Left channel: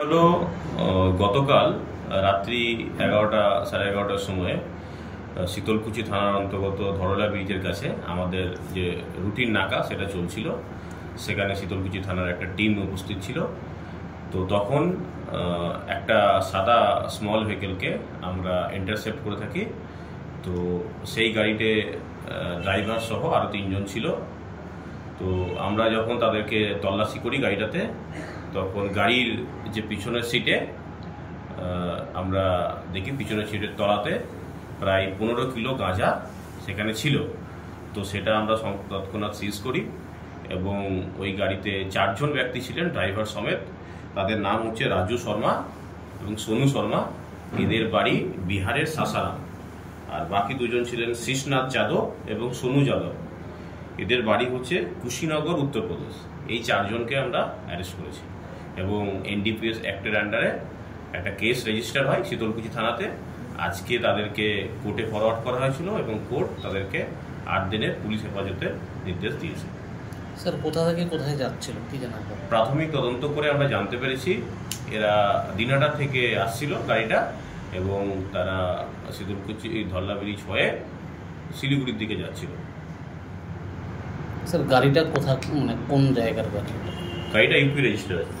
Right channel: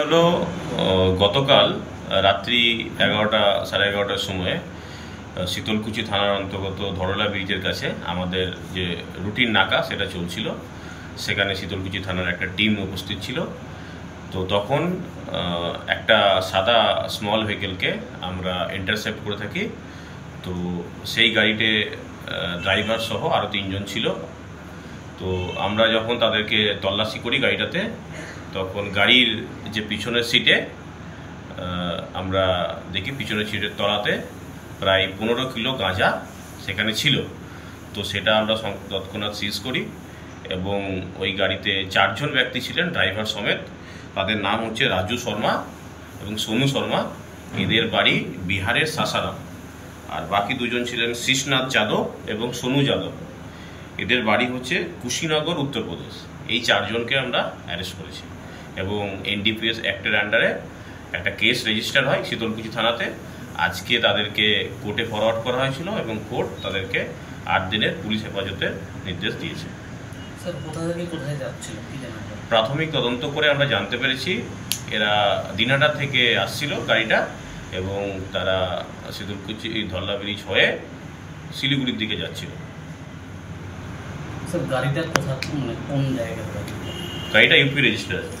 হলো গতকাল রাত্রি 11টা সাড়ে 11টার সময়ে শীতলকুচি থানার অন্তর্গত ধরলা ব্রিজের কাছে আমাদের যে রুটিন নাকা সেটা চলছিল। সেখানে শীতলকুচি থানার একটা টিম উপস্থিত ছিল। তো তখন একটা সাদা স্মল ভেহিকেলকে আমরা ইন্টারসেপ্ট করে থাকি। তো সেই গাড়িতে ড্রাইভার সহ আরও 3 জন ছিল। তো আমরা যখন তাদেরকে তল্লাশি করি গাড়িটাতে, তখন গাড়ির যে পিছনের সিটে আমরা দেখি পিছনের সিটের তলাতে প্রায় 15 কিলো গাঁজা সেখানে ছিল। তো সেটা আমরা তৎক্ষণাৎ সিজ করি এবং ওই গাড়িতে 4 জন ব্যক্তি ছিলেন ড্রাইভার সমেত। তাদের নাম হচ্ছে রাজু শর্মা এবং সোনু শর্মা। এদের বাড়ি বিহারের সাসারাম। আর বাকি 2 জন ছিলেন শীষনাথ যাদব এবং সোনু যাদব। এদের বাড়ি হচ্ছে কুশীনগর, উত্তরপ্রদেশ। এই 4 জনকে আমরা অ্যারেস্ট করেছি এবং এনডিপিএস অ্যাক্টের আন্ডারে একটা কেস রেজিস্টার হয় শীতলকুচি থানাতে। আজকে তাদেরকে কোর্টে ফরওয়ার্ড করা হয়েছিল এবং কোর্ট তাদেরকে 8 দিনের পুলিশ হেফাজতের নির্দেশ দিয়েছে। স্যার, কোথা থেকে কোথায় যাচ্ছিল কি জানেন? প্রাথমিক তদন্ত করে আমরা জানতে পেরেছি এরা দিনহাটা থেকে আসছিল গাড়িটা এবং তারা শীতলকুচি ধরলা ব্রিজ হয়ে শিলিগুড়ির দিকে যাচ্ছিল। স্যার, গাড়িটা কোন জায়গার গাড়ি? গাড়িটা ইউপি রেজিস্টার আছে।